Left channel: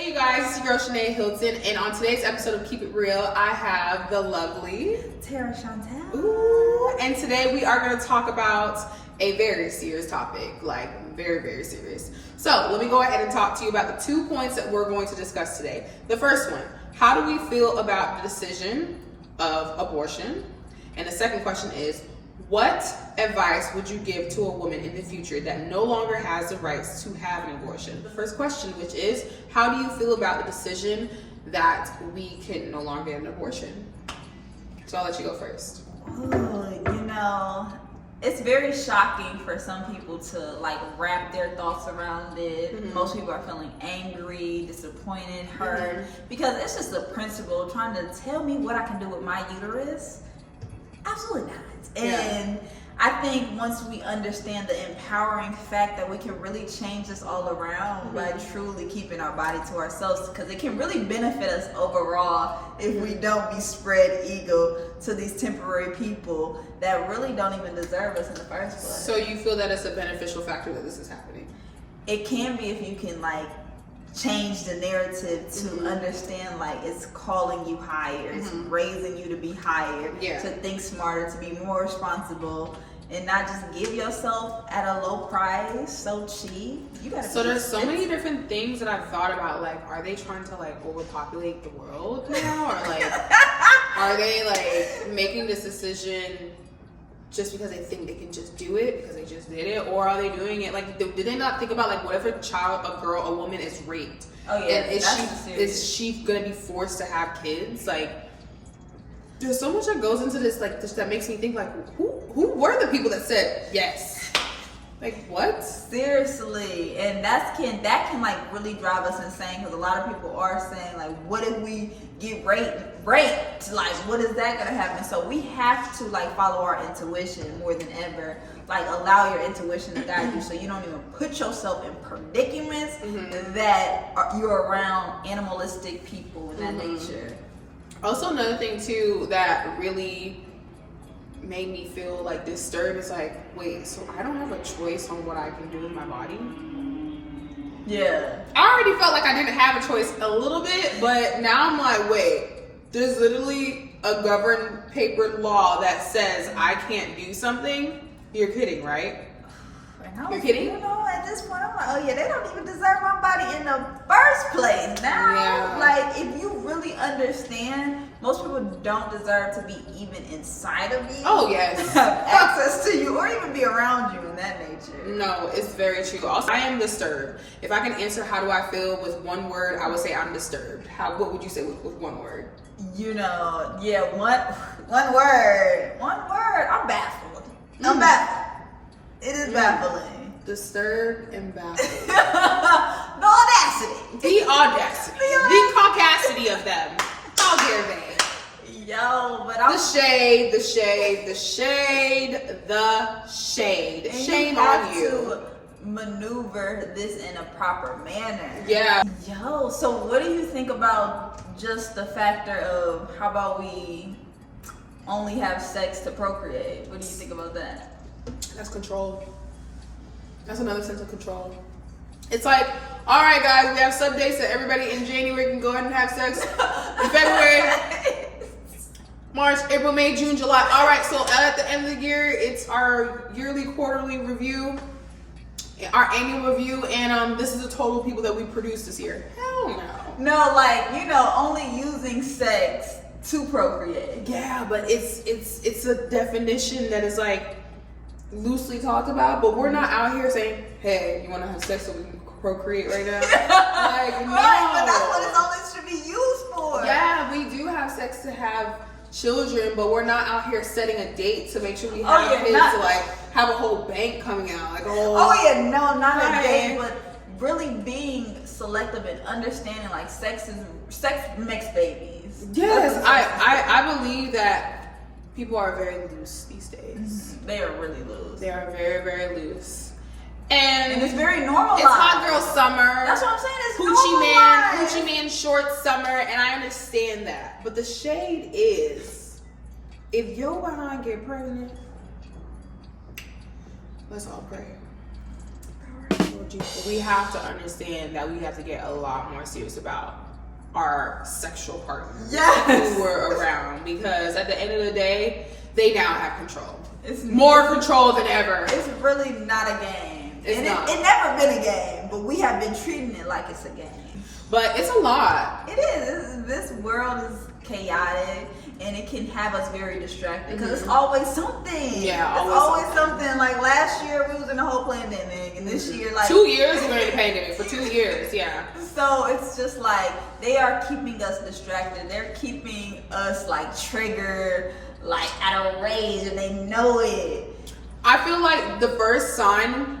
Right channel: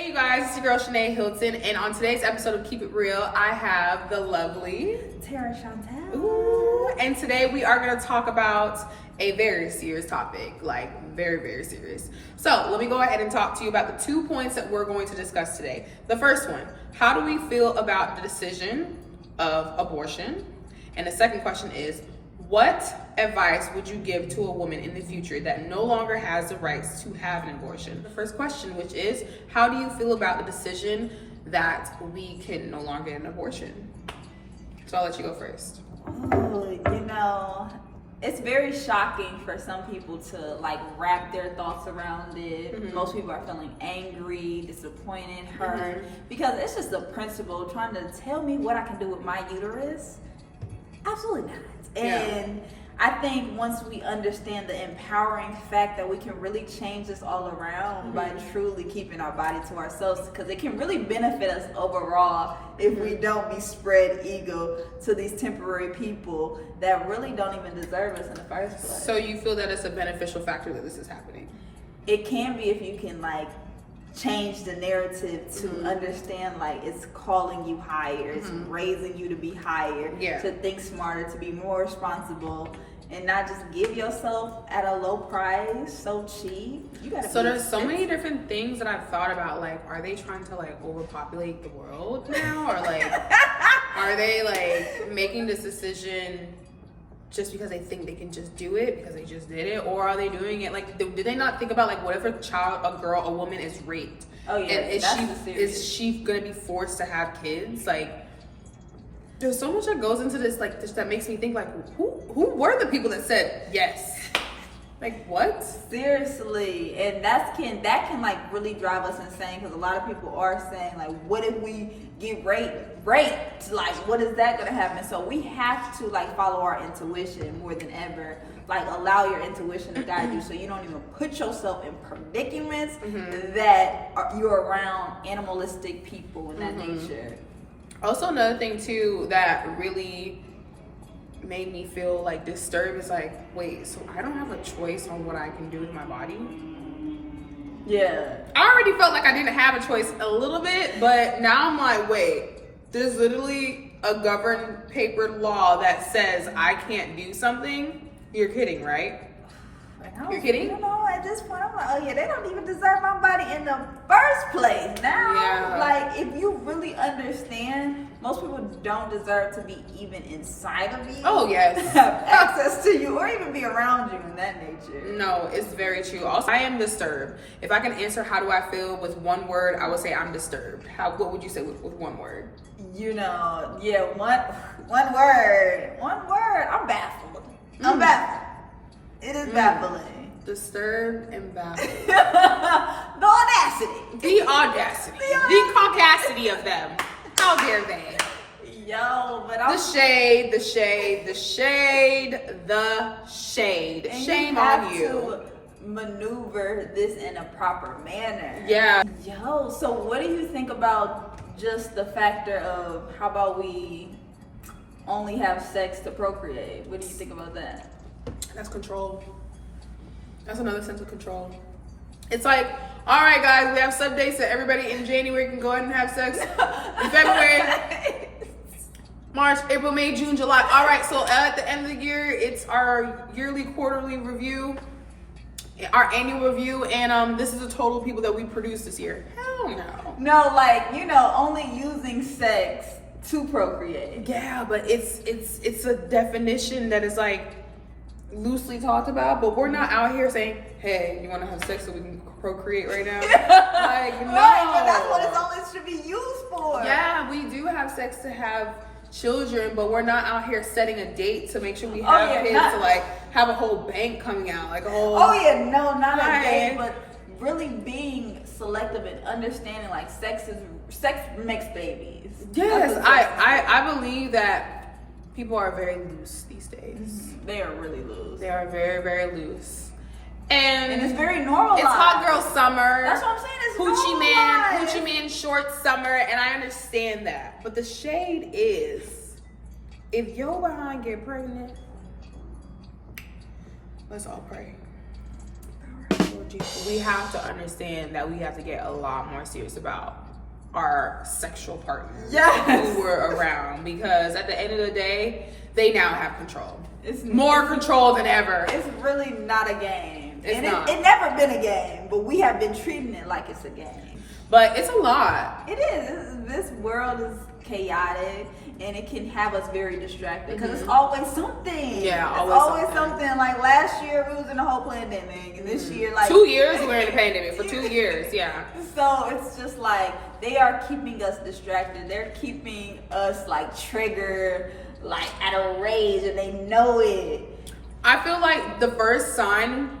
Hey you guys, it's your girl Shanae Hilton, and on today's episode of Keep It Real, I have the lovely Tara Chantel. Ooh, and today we are going to talk about a very serious topic, like very, very serious. So let me go ahead and talk to you about the 2 points that we're going to discuss today. The first one, how do we feel about the decision of abortion? And the second question is, what advice would you give to a woman in the future that no longer has the rights to have an abortion? The first question, which is, how do you feel about the decision that we can no longer get an abortion? So I'll let you go first. Oh, it's very shocking for some people to wrap their thoughts around it. Mm-hmm. Most people are feeling angry, disappointed, hurt, because it's just a principle trying to tell me what I can do with my uterus. Absolutely not. And I think once we understand the empowering fact that we can really change this all around by truly keeping our body to ourselves, because it can really benefit us overall if we don't be spread eagle to these temporary people that really don't even deserve us in the first place. So you feel that it's a beneficial factor that this is happening? It can be if you can change the narrative to understand it's calling you higher, it's raising you to be higher, to think smarter, to be more responsible, and not just give yourself at a low price, so cheap. You gotta. So there's so many different things that I've thought about. Are they trying to overpopulate the world now, or are they making this decision just because they think they can just do it because they just did it, or are they doing it did they not think about what if a child, a girl, a woman is raped? Oh yeah, and is she gonna be forced to have kids? There's so much that goes into this that makes me think who were the people that said yes? What? Seriously, and that can really drive us insane, because a lot of people are saying what if we get raped? What is that gonna happen? So we have to follow our intuition more than ever. Allow your intuition to guide you, so you don't even put yourself in predicaments that you're around animalistic people in that nature. Also, another thing too that really made me feel disturbed is wait, so I don't have a choice on what I can do with my body? Yeah. I already felt like I didn't have a choice a little bit, but now I'm wait, there's literally a governed paper law that says I can't do something? You're kidding, right? You're kidding? Even though at this point I'm they don't even deserve my body in the first place. Now, if you really understand, most people don't deserve to be even inside of you. Oh yes. Have access to you or even be around you in that nature. No, it's very true. Also, I am disturbed. If I can answer how do I feel with one word, I would say I'm disturbed. What would you say with one word? One word. I'm baffled. I'm baffled. It is baffling. Disturbed and baffled. The audacity. The caucasity of them. How dare they? The shade. And Shame you have on you. to maneuver this in a proper manner. Yeah. So what do you think about just the factor of how about we only have sex to procreate? What do you think about that? That's control. That's another sense of control. It's all right, guys, we have some dates that everybody in January can go ahead and have sex. In February, March, April, May, June, July. All right, so at the end of the year, it's our yearly, quarterly review, our annual review, and this is the total people that we produced this year. Hell no. No, only using sex to procreate. Yeah, but it's a definition that is loosely talked about, but we're not out here saying, hey, you want to have sex so we can procreate right now? No. Right, but that's what it's always should be used for. Yeah, we do have sex to have children, but we're not out here setting a date to make sure we have kids to have a whole bank coming out, a whole. Not a date, but really being selective and understanding sex makes babies. Yes, I believe that people are very loose these days. They are really loose. They are very, very loose. And it's very normalized. It's hot girl summer. That's what I'm saying. It's Hoochie man short summer, and I understand that. But the shade is, if your behind get pregnant, let's all pray. we have to understand that we have to get a lot more serious about our sexual partners who we're around, because at the end of the day, they now have control. It's more control than ever. It's really not a game. It's not. It never been a game, but we have been treating it like it's a game. But it's a lot. It is. This world is chaotic, and it can have us very distracted because it's always something. Yeah, it's always something. Like last year, we was in the whole pandemic, and this year, like 2 years we were in the pandemic for 2 years. Yeah. So it's just like they are keeping us distracted. They're keeping us like triggered, like at a rage, and they know it. I feel like the first sign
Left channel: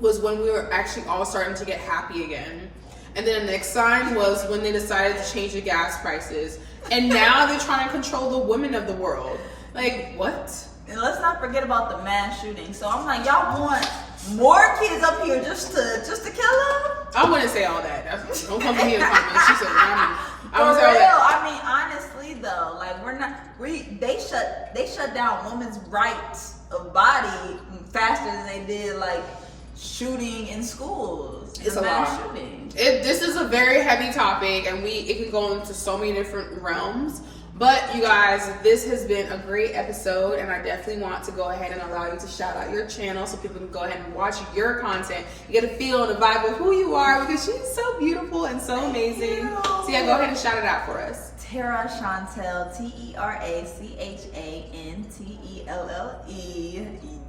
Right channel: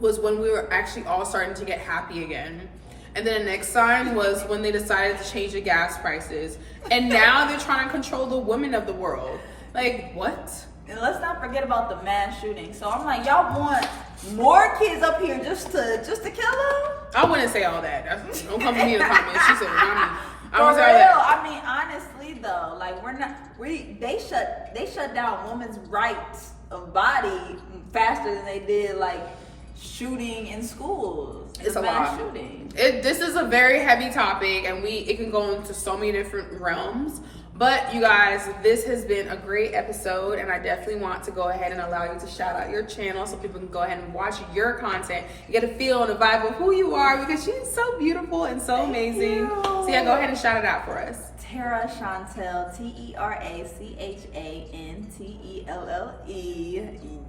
was when we were actually all starting to get happy again. And then the next sign was when they decided to change the gas prices. And now they're trying to control the women of the world. Like, what? And let's not forget about the mass shooting. So I'm like, y'all want more kids up here just to kill them? I wouldn't say all that. Don't come to me in the comments. She said, For real, I mean, honestly though, like they shut down women's rights of body faster than they did like shooting in schools. It's a lot. This is a very heavy topic, and it can go into so many different realms. But you guys, this has been a great episode, and I definitely want to go ahead and allow you to shout out your channel so people can go ahead and watch your content. You get a feel and a vibe of who you are, because she's so beautiful and so amazing. So yeah, go ahead and shout it out for us. Tara Chantel, TeraChantelle.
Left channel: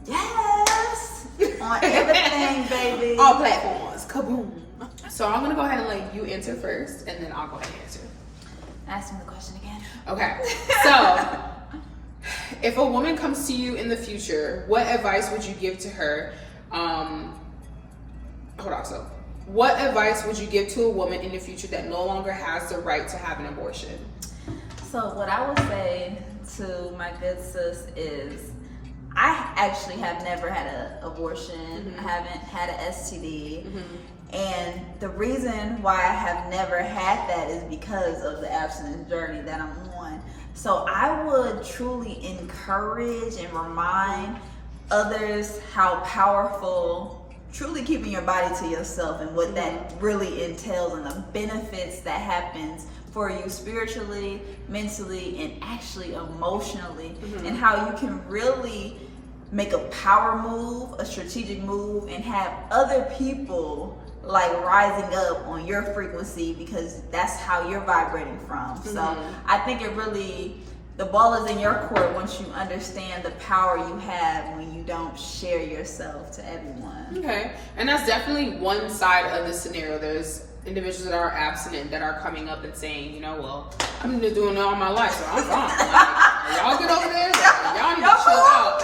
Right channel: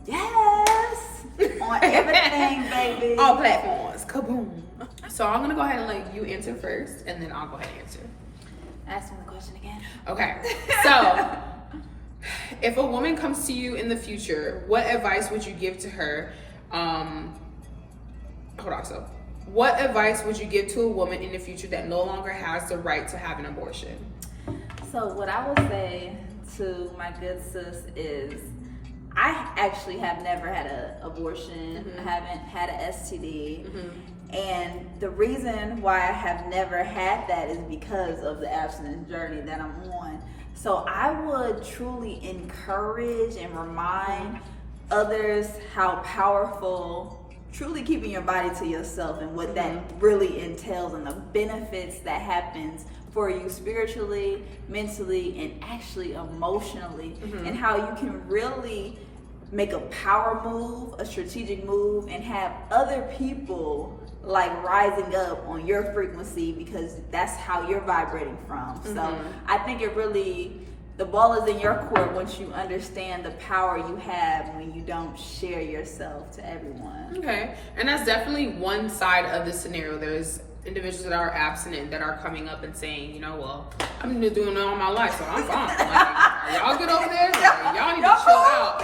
Yes! On everything, baby. All platforms. Kaboom. So I'm going to go ahead and let you answer first, and then I'll go ahead and answer. Ask me the question again. Okay. So, if a woman comes to you in the future, what advice would you give to her? What advice would you give to a woman in the future that no longer has the right to have an abortion? So what I would say to my good sis is, I actually have never had an abortion. I haven't had an STD. And the reason why I have never had that is because of the abstinence journey that I'm on. So I would truly encourage and remind others how powerful truly keeping your body to yourself and what that really entails, and the benefits that happens for you spiritually, mentally, and actually emotionally, and how you can really make a power move, a strategic move, and have other people like rising up on your frequency, because that's how you're vibrating from. So I think the ball is in your court once you understand the power you have when you don't share yourself to everyone. Okay, and that's definitely one side of the scenario. There's individuals that are abstinent that are coming up and saying, well, I've been just doing it all my life, so I'm fine. Like, y'all get over there, like, y'all need to chill out.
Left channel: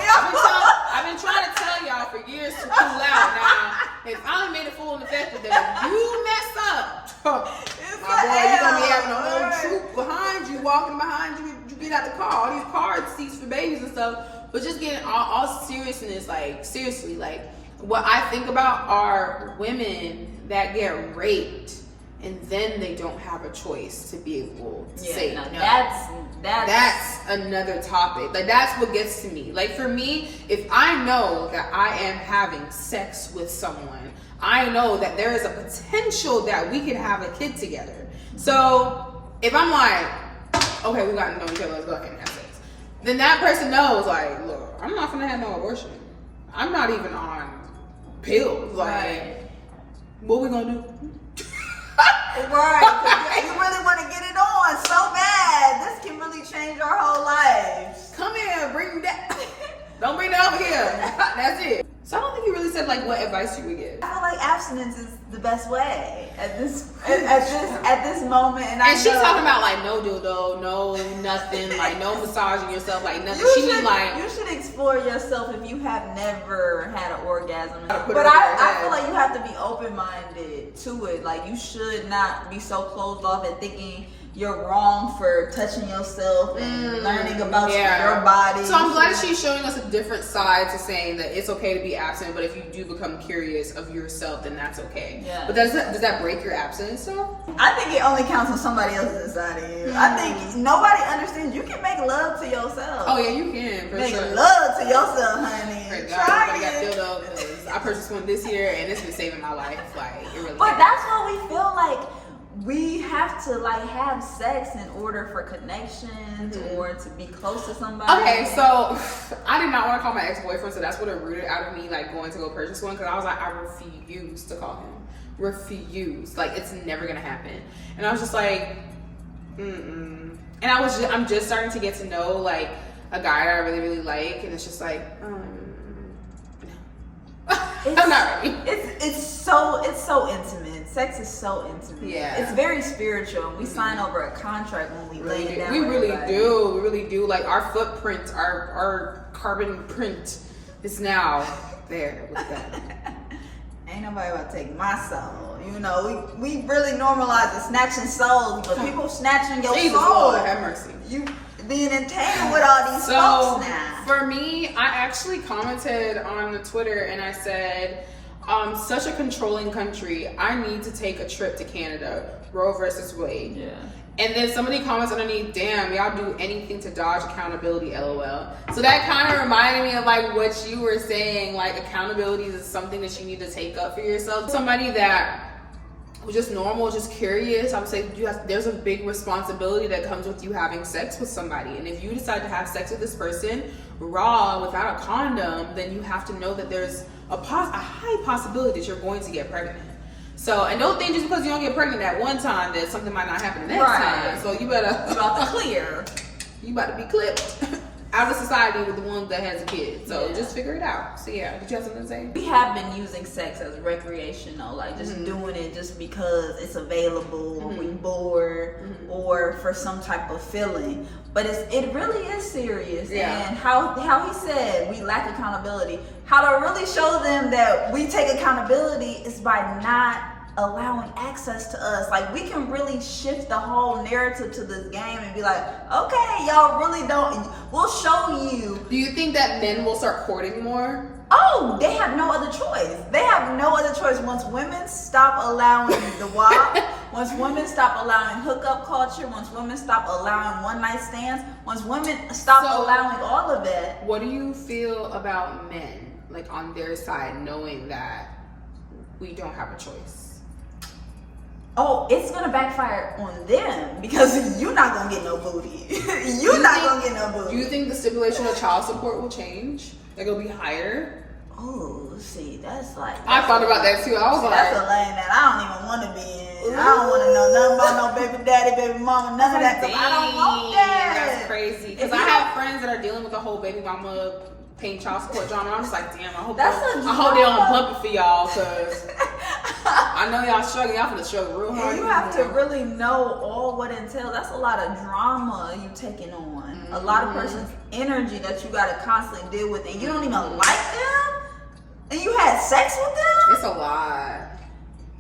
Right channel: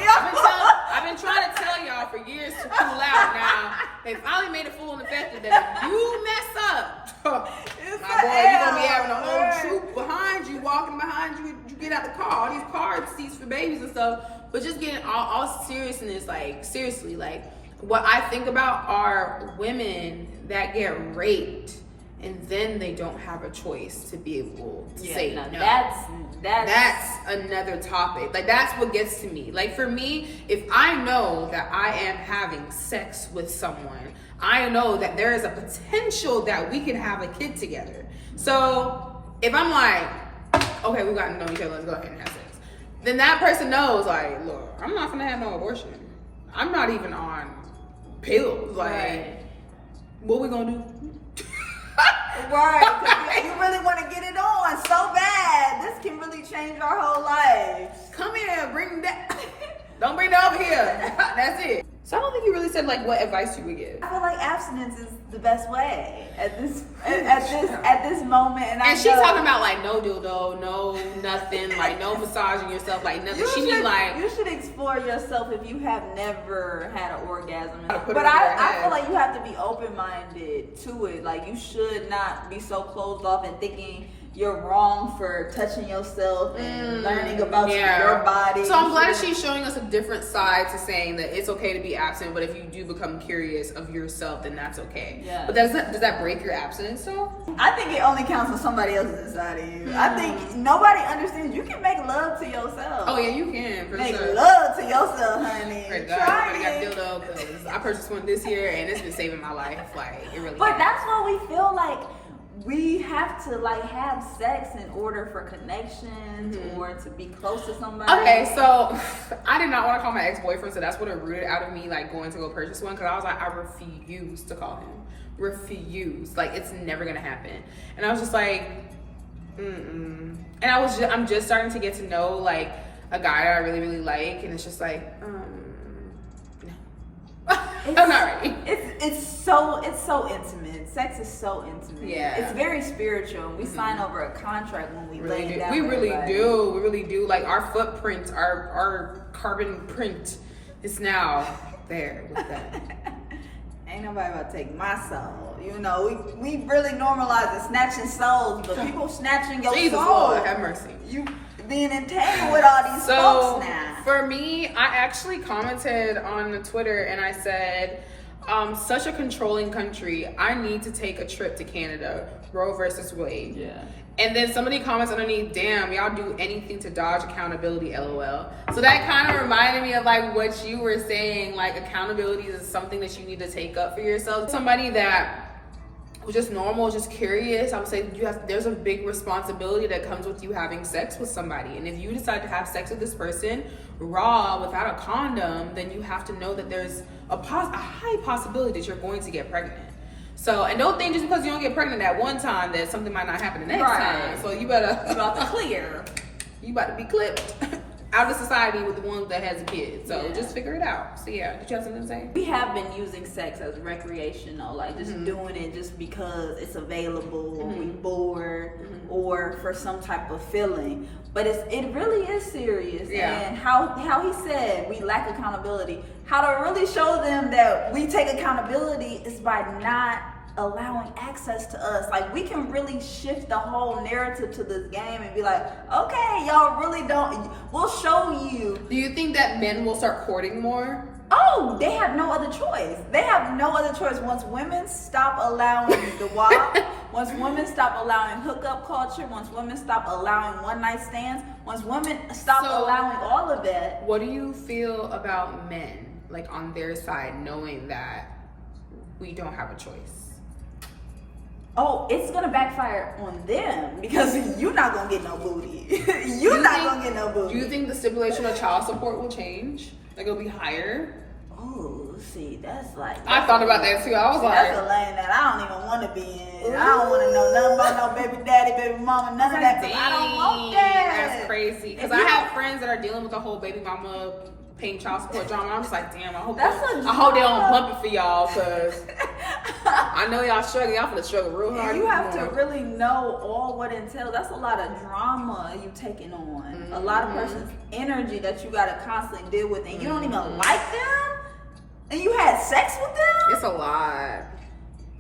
I've been trying to tell y'all for years to cool out. Now they finally made it full and effective that if you mess up, my boy, you're gonna be having a whole troop behind you, walking behind you. You get out the car, all these car seats for babies and stuff. But just getting all seriousness, like seriously, like what I think about are women that get raped and then they don't have a choice to be able to say no. That's another topic. Like, that's what gets to me. Like, for me, if I know that I am having sex with someone, I know that there is a potential that we can have a kid together. So if I'm like, okay, we got to know each other, let's go ahead and have sex, then that person knows, like, look, I'm not gonna have no abortion. I'm not even on pills. Like, what we gonna do? Right, you really want to get it on so bad. This can really change our whole lives. Come here, bring that. Don't bring that over here. That's it. So I don't think you really said like what advice you would give. I feel like abstinence is the best way at this moment. And she's talking about like no dildo, no nothing, like no massaging yourself, like nothing. You should explore yourself if you have never had an orgasm. But I feel like you have to be open-minded to it. Like, you should not be so closed off and thinking you're wrong for touching yourself and learning about your body. So I'm glad she's showing us a different side to saying that it's okay to be absent, but if you do become curious of yourself, then that's okay. Yeah. But does that break your abstinence though? I think it only counts when somebody else is inside of you. I think nobody understands. You can make love to yourself. Oh yeah, you can. Make love to yourself, honey. Thank God, I got dildo because I purchased one this year and it's been saving my life. Like it really. But that's why we feel like we have to like have sex in order for connections or to be close to somebody. Okay, so I did not want to call my ex-boyfriend, so that's what it rooted out of me, like going to go purchase one, because I was like, I refuse to call him. Refuse. Like it's never gonna happen. And I was just like, And I'm just starting to get to know like a guy that I really, really like, and it's just like, I'm not ready. It's so intimate. Sex is so intimate. Yeah. It's very spiritual. We sign over a contract when we lay down. We really do. We really do. Like our footprint, our carbon print is now there with them. Ain't nobody about to take my soul. You know, we really normalize the snatching souls, but people snatching your Jesus, soul. Lord, have mercy. You being entangled with all these folks now. For me, I actually commented on Twitter and I said, such a controlling country. I need to take a trip to Canada. Roe versus Wade. Yeah. And then somebody comments underneath, damn, y'all do anything to dodge accountability, LOL. So that kind of reminded me of like what you were saying, like accountability is something that you need to take up for yourself. Somebody that was just normal, just curious, I would say there's a big responsibility that comes with you having sex with somebody. And if you decide to have sex with this person raw without a condom, then you have to know that there's a high possibility that you're going to get pregnant. So, and don't think just because you don't get pregnant at one time that something might not happen the next time. So you better clear. You about to be clipped out of society with the one that has a kid. So just figure it out. So yeah, did you have something to say? We have been using sex as recreational, like just doing it just because it's available, we bored, or for some type of feeling. But it really is serious. Yeah. And how he said we lack accountability. How to really show them that we take accountability is by not allowing access to us. Like we can really shift the whole narrative to this game and be like, okay, y'all really don't. We'll show you. Do you think that men will start courting more? Oh, they have no other choice. They have no other choice. Once women stop allowing the WAP, once women stop allowing hookup culture, once women stop allowing one night stands, once women stop allowing all of that. What do you feel about men, like on their side, knowing that we don't have a choice? Oh, it's gonna backfire on them because you're not gonna get no booty. You're not gonna get no booty. Do you think the stipulation of child support will change? Like it'll be higher? Oh, see, that's I thought about that too. I was like, that's a lane that I don't even want to be in. I don't want to know nothing about no baby daddy, baby mama, none of that. I don't want that. That's crazy. Because I have friends that are dealing with the whole baby mama paying child support drama. I'm just like, damn, I hope they don't pump it for y'all, because I know y'all struggling. Y'all finna struggle real hard. You have to really know all what entails. That's a lot of drama you taking on. A lot of person's energy that you gotta constantly deal with, and you don't even like them, and you had sex with them. It's a lot.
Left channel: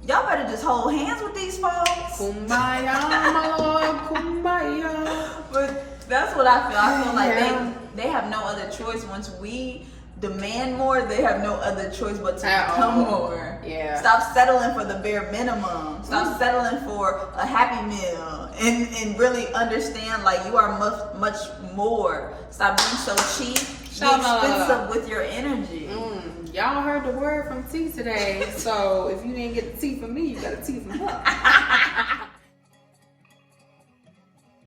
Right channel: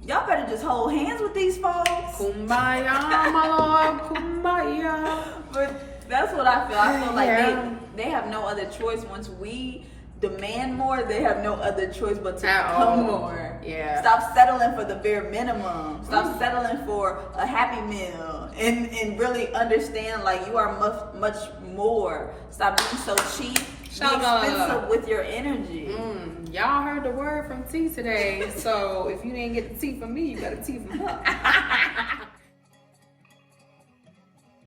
Y'all better just hold hands with these folks. Kumbaya, my lord, kumbaya. But that's what I feel. I feel like they have no other choice. Once we demand more, they have no other choice but to become more. Yeah. Stop settling for the bare minimum. Stop settling for a Happy Meal, and really understand like you are much more. Stop being so cheap. Be expensive with your energy. Y'all heard the word from T today. So if you didn't get the T from me, you got a T from her.